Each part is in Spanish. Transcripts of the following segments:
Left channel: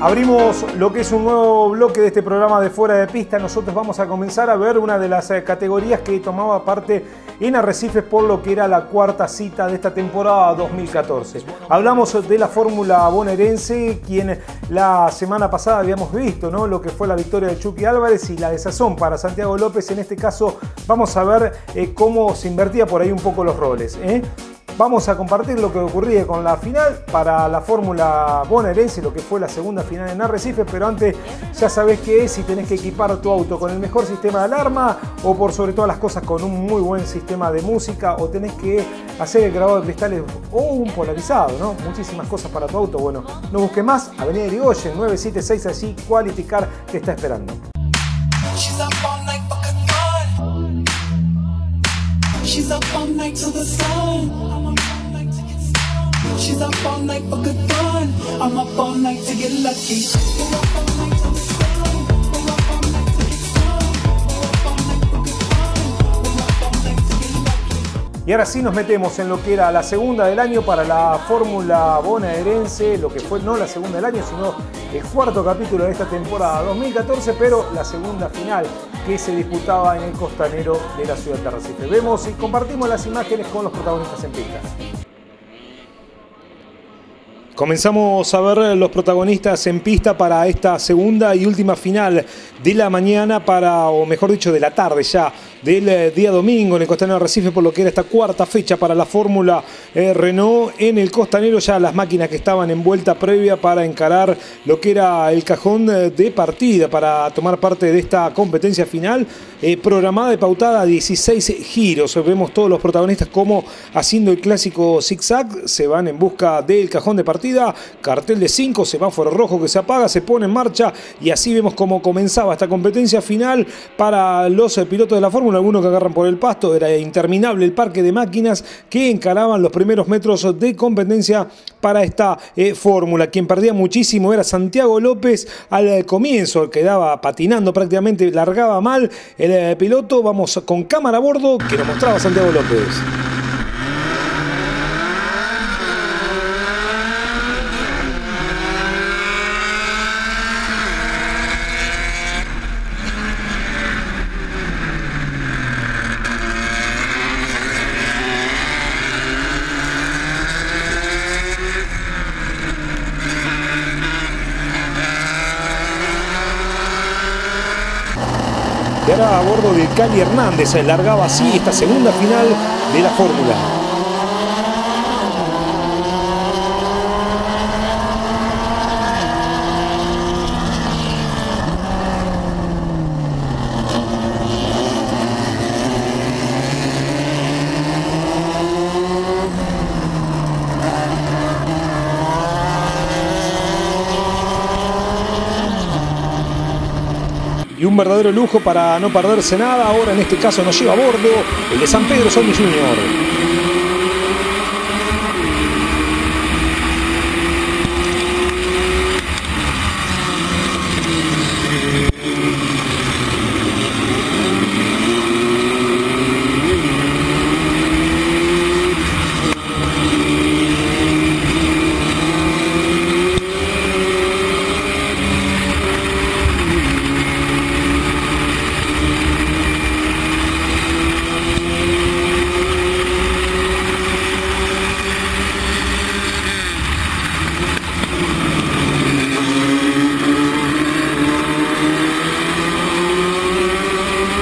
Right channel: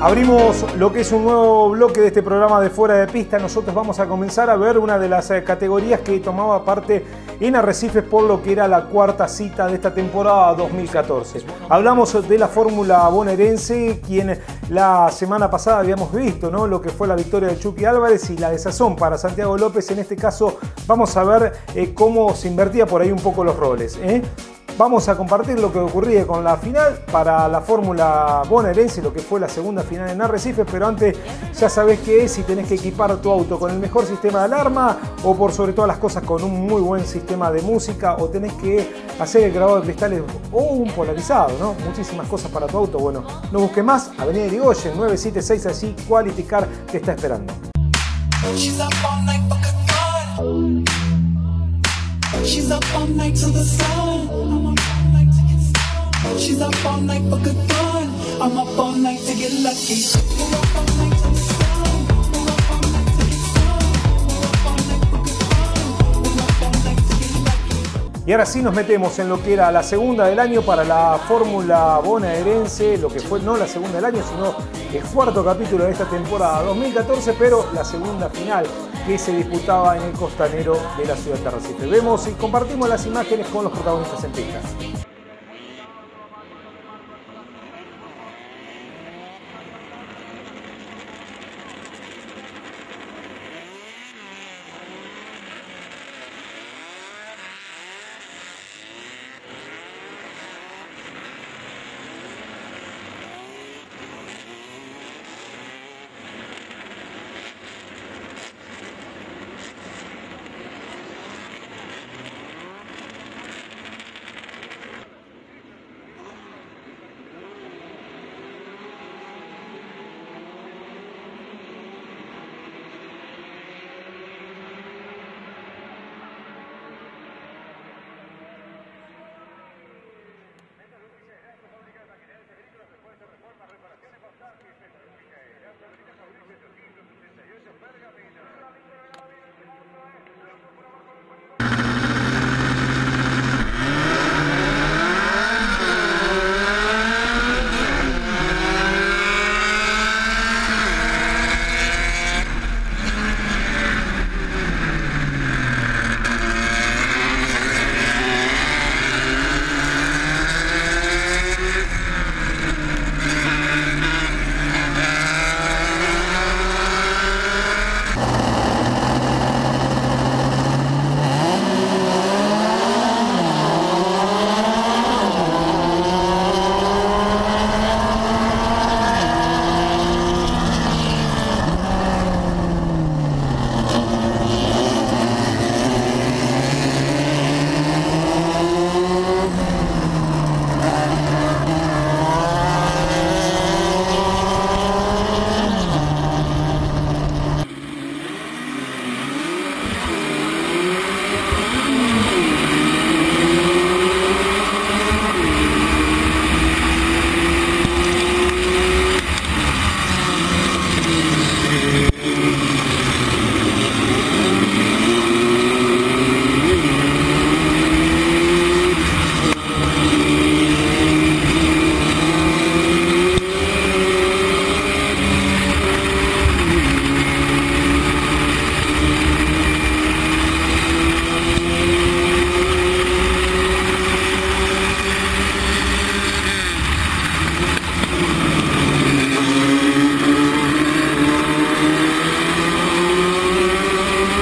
Abrimos lo que es un nuevo bloque de este programa de Fuera de Pista. Nosotros vamos a comenzar a ver una de las categorías que tomaba parte en Arrecifes por lo que era la cuarta cita de esta temporada 2014. Hablamos de la Fórmula bonaerense, quien la semana pasada habíamos visto, ¿no?, lo que fue la victoria de Chucky Álvarez y la desazón para Santiago López. En este caso vamos a ver cómo se invertía por ahí un poco los roles, Vamos a compartir lo que ocurría con la final para la Fórmula bonaerense, lo que fue la segunda final en Arrecifes, pero antes ya sabés qué es, si tenés que equipar tu auto con el mejor sistema de alarma o por sobre todas las cosas con un muy buen sistema de música, o tenés que hacer el grabado de cristales o un polarizado, ¿no? Muchísimas cosas para tu auto. Bueno, no busques más, Avenida Irigoyen 976, allí Quality Car te está esperando. She's up all night till the sun. She's up all night for good fun. I'm up all night to get lucky. We're up all night till the sun. We're up all night to get sun. We're up all night for good fun. We're up all night to get lucky. Y ahora sí nos metemos en lo que era la segunda del año para la Fórmula bonaerense, lo que fue no la segunda del año, sino el cuarto capítulo de esta temporada 2014, pero la segunda final que se disputaba en el costanero de la ciudad de Arrecife. Vemos y compartimos las imágenes con los protagonistas en pista. Comenzamos a ver los protagonistas en pista para esta segunda y última final de la mañana, o mejor dicho, de la tarde ya, del día domingo en el costanero de Arrecife, por lo que era esta cuarta fecha para la Fórmula Renault en el costanero. Ya las máquinas que estaban en vuelta previa para encarar lo que era el cajón de partida para tomar parte de esta competencia final, programada y pautada a 16 giros. Vemos todos los protagonistas como haciendo el clásico zigzag, se van en busca del cajón de partida, cartel de 5, semáforo rojo que se apaga, se pone en marcha, y así vemos cómo comenzaba esta competencia final para los pilotos de la Fórmula. Algunos que agarran por el pasto, era interminable el parque de máquinas que encaraban los primeros metros de competencia para esta Fórmula. Quien perdía muchísimo era Santiago López al comienzo, quedaba patinando prácticamente, largaba mal el piloto. Vamos con cámara a bordo que lo mostraba Santiago López. Se largaba así esta segunda final de la Fórmula. Un verdadero lujo para no perderse nada. Ahora en este caso nos lleva a bordo el de San Pedro Sonic Jr.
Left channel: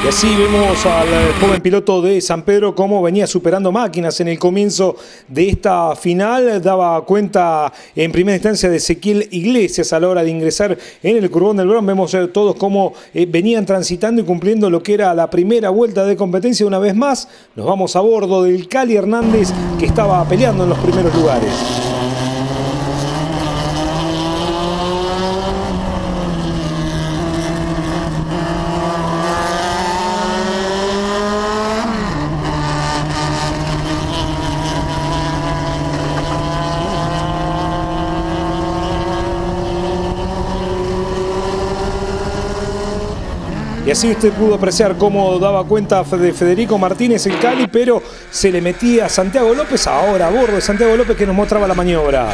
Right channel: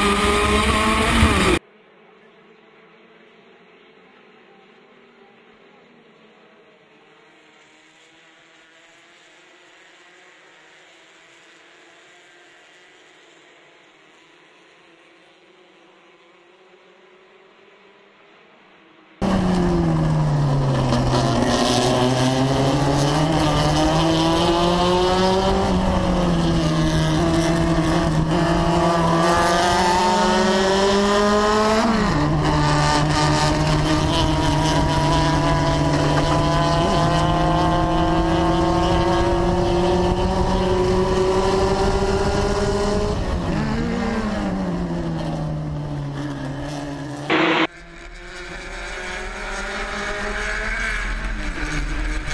Así vemos al joven piloto de San Pedro cómo venía superando máquinas en el comienzo de esta final. Daba cuenta en primera instancia de Ezequiel Iglesias a la hora de ingresar en el Curbón del Bron. Vemos todos cómo venían transitando y cumpliendo lo que era la primera vuelta de competencia. Una vez más nos vamos a bordo del Cali Hernández, que estaba peleando en los primeros lugares. Y así usted pudo apreciar cómo daba cuenta de Federico Martínez en Cali, pero se le metía a Santiago López, ahora a bordo de Santiago López, que nos mostraba la maniobra.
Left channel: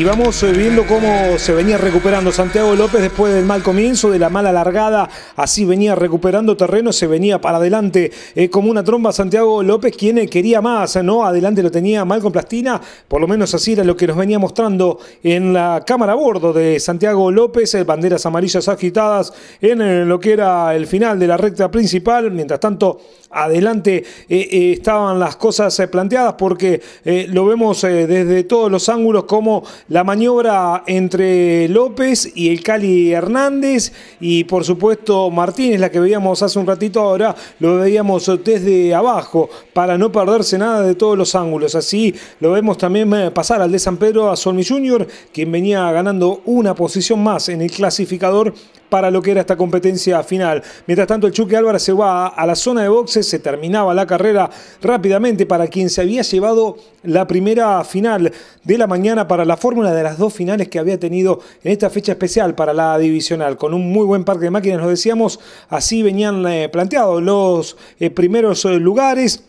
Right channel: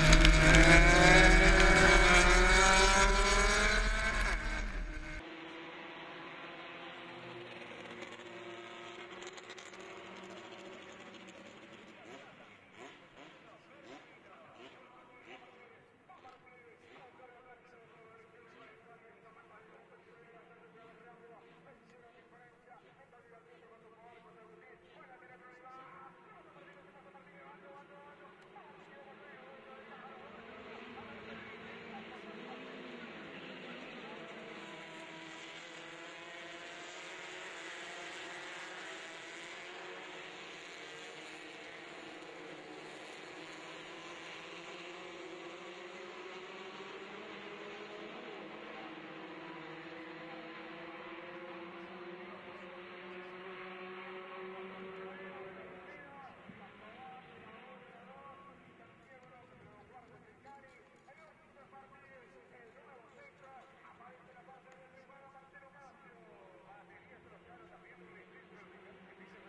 Y vamos viendo cómo se venía recuperando Santiago López después del mal comienzo, de la mala largada. Así venía recuperando terreno, se venía para adelante como una tromba Santiago López, quien quería más, ¿no? Adelante lo tenía Malcolm Plastina, por lo menos así era lo que nos venía mostrando en la cámara a bordo de Santiago López. Banderas amarillas agitadas en lo que era el final de la recta principal. Mientras tanto, adelante estaban las cosas planteadas, porque lo vemos desde todos los ángulos, como la maniobra entre López y el Cali Hernández, y por supuesto Martínez, la que veíamos hace un ratito, ahora lo veíamos desde abajo para no perderse nada de todos los ángulos. Así lo vemos también pasar al de San Pedro a Solmi Junior, quien venía ganando una posición más en el clasificador para lo que era esta competencia final. Mientras tanto, el Chucky Álvarez se va a la zona de boxes, se terminaba la carrera rápidamente para quien se había llevado la primera final de la mañana para la fórmula de las dos finales que había tenido en esta fecha especial para la divisional. Con un muy buen parque de máquinas, nos decíamos, así venían planteados los primeros lugares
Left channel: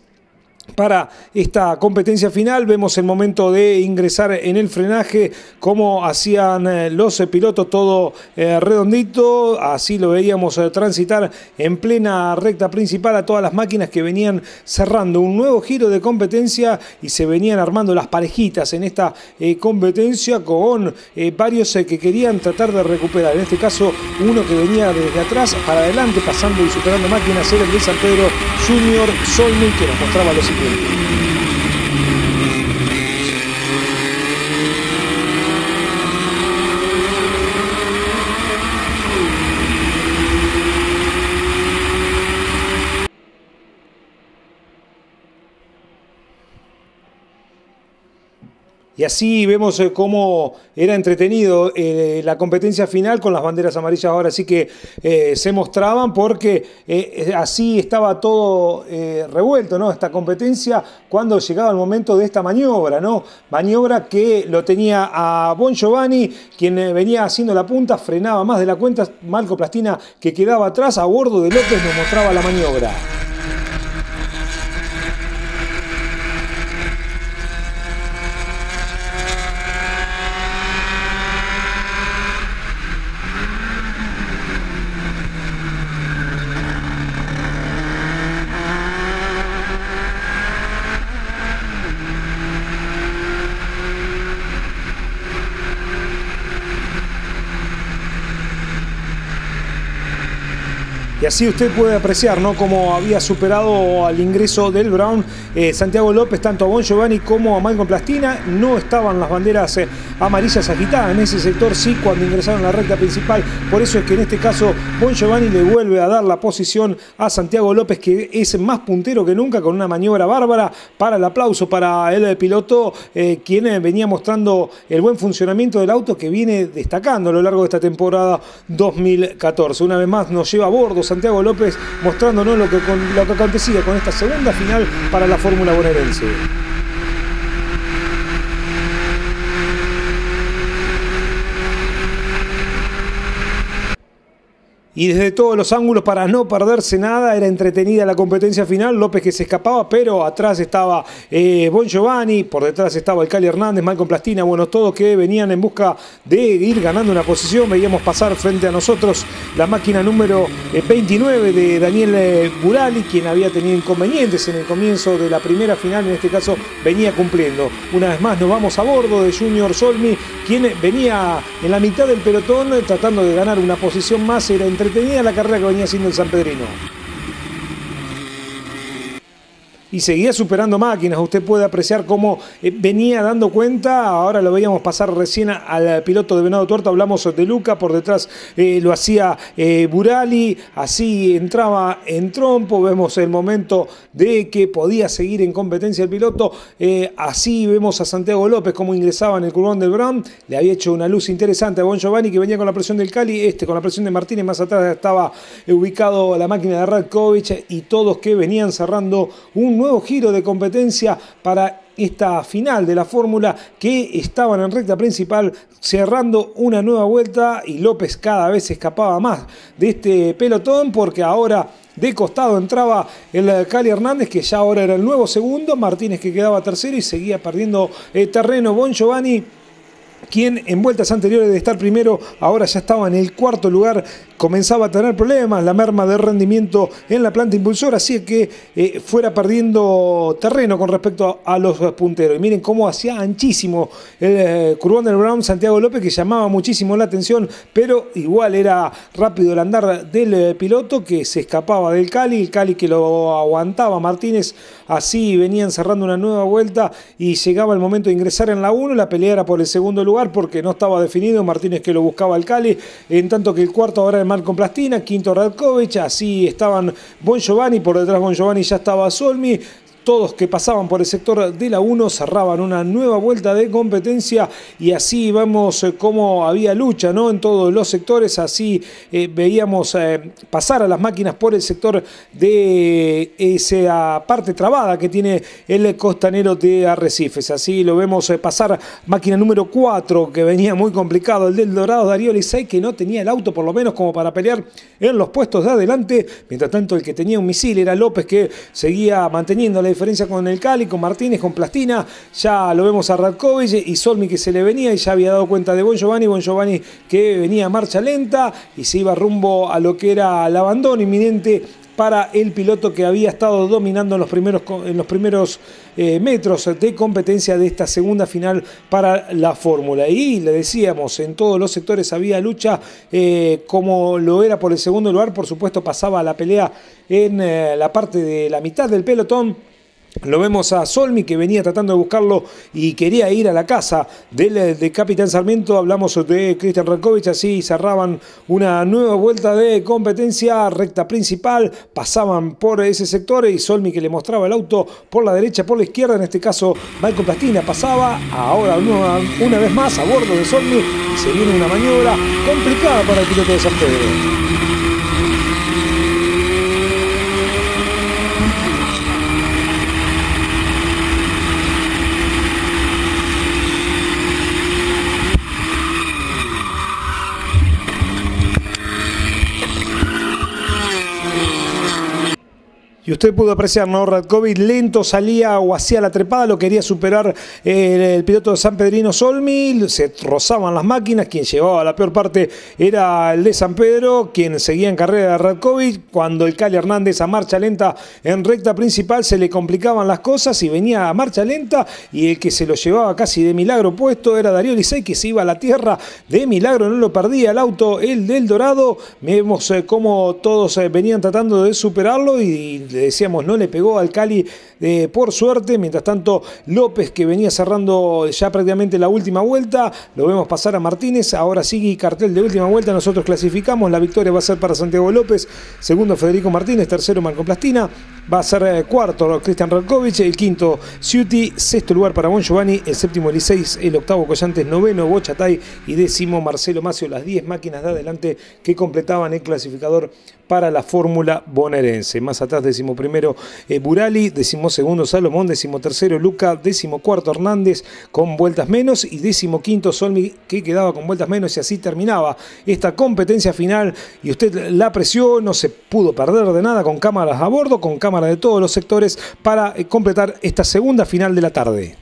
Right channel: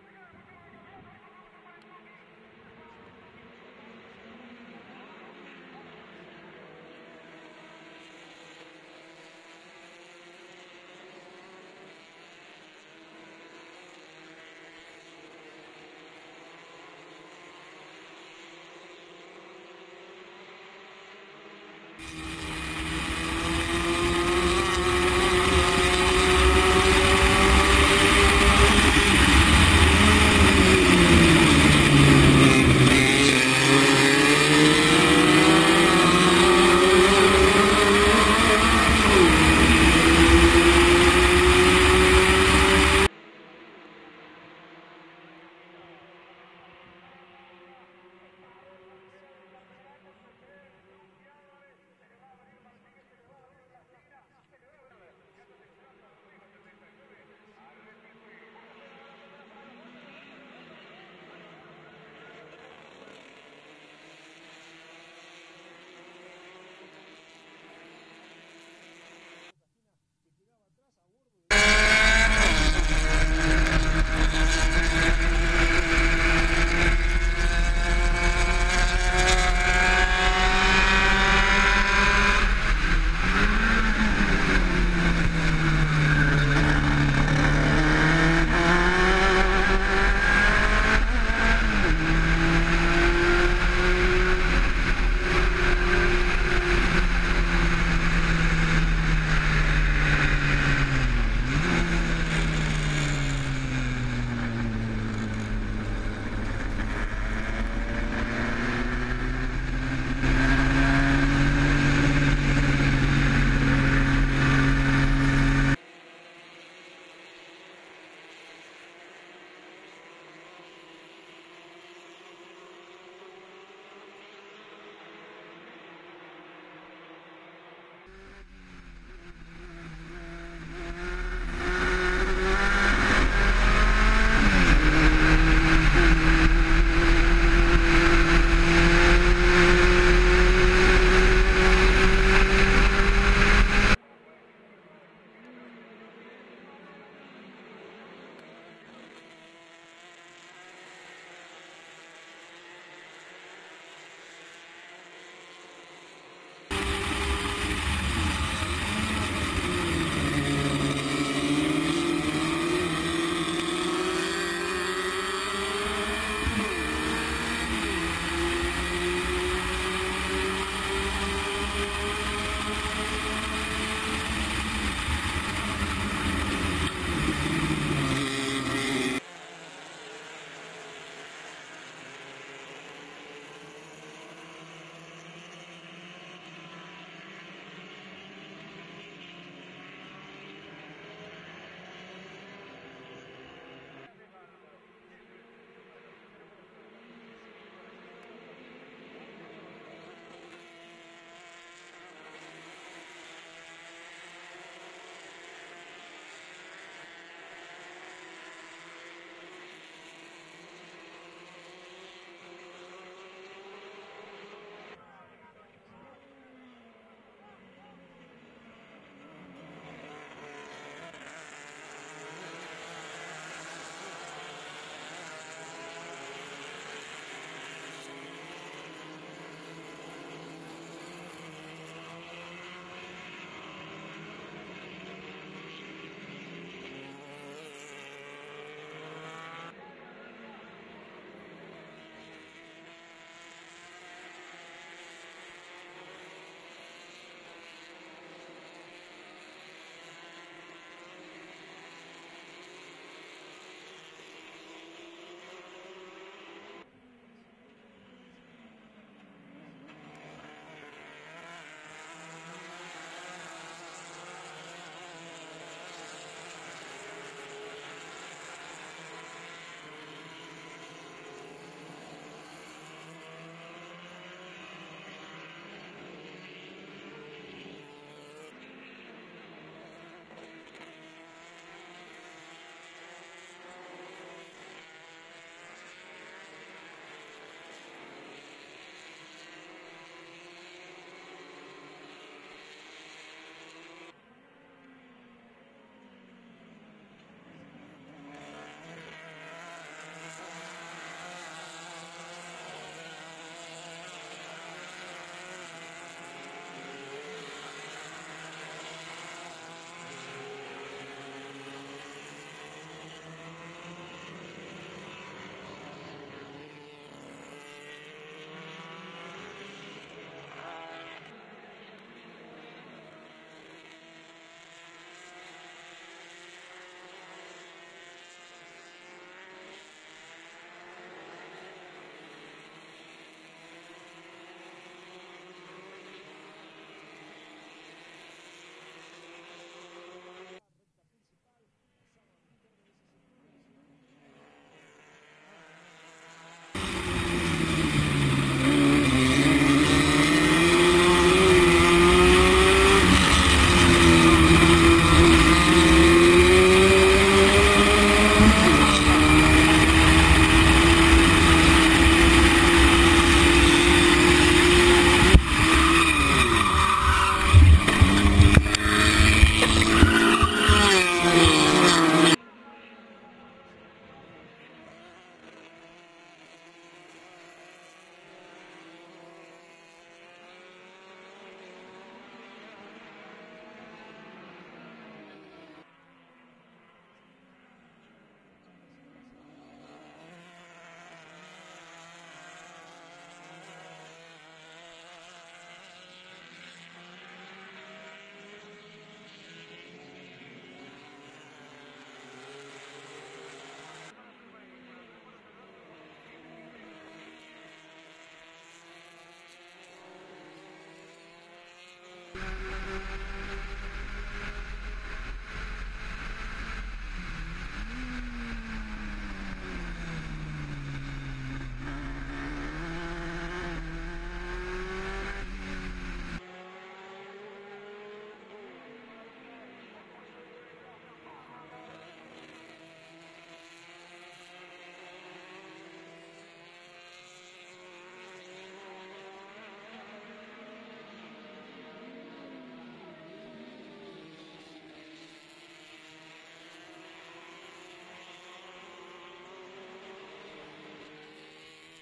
para esta competencia final. Vemos el momento de ingresar en el frenaje, como hacían los pilotos, todo redondito. Así lo veíamos transitar en plena recta principal a todas las máquinas que venían cerrando un nuevo giro de competencia y se venían armando las parejitas en esta competencia, con varios que querían tratar de recuperar. En este caso, uno que venía desde atrás para adelante, pasando y superando máquinas, era el de San Pedro Junior Solmi, que nos mostraba los siguientes. Y así vemos cómo era entretenido la competencia final con las banderas amarillas. Ahora sí que se mostraban, porque así estaba todo revuelto, ¿no? Esta competencia, cuando llegaba el momento de esta maniobra, ¿no? Maniobra que lo tenía a Bon Giovanni, quien venía haciendo la punta, frenaba más de la cuenta. Malcolm Plastina, que quedaba atrás a bordo de López, nos mostraba la maniobra. Y así usted puede apreciar, ¿no?, cómo había superado al ingreso del Brown Santiago López, tanto a Bon Giovanni como a Malcolm Plastina. No estaban las banderas amarillas agitadas en ese sector, sí, cuando ingresaron a la recta principal. Por eso es que en este caso Bon Giovanni le vuelve a dar la posición a Santiago López, que es más puntero que nunca, con una maniobra bárbara. Para el aplauso para el piloto, quien venía mostrando el buen funcionamiento del auto, que viene destacando a lo largo de esta temporada 2014. Una vez más nos lleva a bordo Santiago López, mostrándonos lo que acontecía con esta segunda final para la Fórmula bonaerense. Y desde todos los ángulos, para no perderse nada, era entretenida la competencia final. López, que se escapaba, pero atrás estaba Bon Giovanni, por detrás estaba el Cali Hernández, Malcolm Plastina, bueno, todos que venían en busca de ir ganando una posición. Veíamos pasar frente a nosotros la máquina número 29 de Daniel Burali, quien había tenido inconvenientes en el comienzo de la primera final. En este caso venía cumpliendo. Una vez más nos vamos a bordo de Junior Solmi, quien venía en la mitad del pelotón tratando de ganar una posición más. Era entretenida la carrera que venía haciendo el sanpedrino. Y seguía superando máquinas. Usted puede apreciar cómo venía dando cuenta. Ahora lo veíamos pasar recién al piloto de Venado Tuerto. Hablamos de Luca, por detrás lo hacía Burali. Así entraba en trompo. Vemos el momento de que podía seguir en competencia el piloto. Así vemos a Santiago López cómo ingresaba en el curvón del Brown. Le había hecho una luz interesante a Bon Giovanni, que venía con la presión del Cali, con la presión de Martínez. Más atrás estaba ubicado la máquina de Radkovic, y todos que venían cerrando un nuevo giro de competencia para esta final de la fórmula, que estaban en recta principal cerrando una nueva vuelta, y López cada vez se escapaba más de este pelotón, porque ahora de costado entraba el Cali Hernández, que ya ahora era el nuevo segundo, Martínez, que quedaba tercero, y seguía perdiendo terreno Bon Giovanni, quien en vueltas anteriores de estar primero, ahora ya estaba en el cuarto lugar, comenzaba a tener problemas, la merma de rendimiento en la planta impulsora, así que fuera perdiendo terreno con respecto a los punteros. Y miren cómo hacía anchísimo el Curvón del Brown Santiago López, que llamaba muchísimo la atención, pero igual era rápido el andar del piloto, que se escapaba del Cali, el Cali que lo aguantaba Martínez. Así venían cerrando una nueva vuelta y llegaba el momento de ingresar en la 1. La pelea era por el segundo lugar porque no estaba definido. Martínez que lo buscaba al Cali, en tanto que el cuarto ahora es Marco Plastina, quinto Radkovic. Así estaban Bon Giovanni, por detrás Bon Giovanni ya estaba Solmi. Todos que pasaban por el sector de la 1 cerraban una nueva vuelta de competencia y así vemos cómo había lucha, ¿no?, en todos los sectores. Así veíamos pasar a las máquinas por el sector de esa parte trabada que tiene el costanero de Arrecifes. Así lo vemos pasar máquina número 4, que venía muy complicado, el del Dorado Darío Lisay, que no tenía el auto por lo menos como para pelear en los puestos de adelante. Mientras tanto el que tenía un misil era López, que seguía manteniendo la diferencia con el Cali, con Martínez, con Plastina. Ya lo vemos a Radkovic y Solmi que se le venía y ya había dado cuenta de Bon Giovanni que venía a marcha lenta y se iba rumbo a lo que era el abandono inminente para el piloto que había estado dominando en los primeros metros de competencia de esta segunda final para la Fórmula. Y le decíamos, en todos los sectores había lucha, como lo era por el segundo lugar. Por supuesto pasaba la pelea en la parte de la mitad del pelotón. Lo vemos a Solmi, que venía tratando de buscarlo y quería ir a la casa de Capitán Sarmiento. Hablamos de Cristian Radkovic. Así cerraban una nueva vuelta de competencia, recta principal, pasaban por ese sector y Solmi, que le mostraba el auto por la derecha, por la izquierda, en este caso Marco Plastina pasaba. Ahora una vez más a bordo de Solmi, se viene una maniobra complicada para el piloto de San Pedro. Y usted pudo apreciar, ¿no? Radkovic lento salía o hacía la trepada, lo quería superar el piloto de San Pedrino Solmi, se rozaban las máquinas. Quien llevaba la peor parte era el de San Pedro, quien seguía en carrera de Radkovic. Cuando el Cali Hernández a marcha lenta en recta principal se le complicaban las cosas y venía a marcha lenta, y el que se lo llevaba casi de milagro puesto era Darío Lisay, que se iba a la tierra de milagro, no lo perdía el auto, el del Dorado. Vemos cómo todos venían tratando de superarlo y le decíamos, no le pegó al Cali por suerte. Mientras tanto López, que venía cerrando ya prácticamente la última vuelta, lo vemos pasar a Martínez. Ahora sigue cartel de última vuelta, nosotros clasificamos, la victoria va a ser para Santiago López, segundo Federico Martínez, tercero Marco Plastina, va a ser cuarto Cristian Radkovic, el quinto Ciuti, sexto lugar para Bon Giovanni, el séptimo Eliseis, el octavo Collantes, noveno Bochatay y décimo Marcelo Macio, las 10 máquinas de adelante que completaban el clasificador para la Fórmula bonaerense. Más atrás, décimo primero Burali, décimo segundo Salomón, décimo tercero Luca, décimo cuarto Hernández con vueltas menos y décimo quinto Solmi, que quedaba con vueltas menos. Y así terminaba esta competencia final y usted la apreció, no se pudo perder de nada, con cámaras a bordo, con cámaras de todos los sectores para completar esta segunda final de la tarde.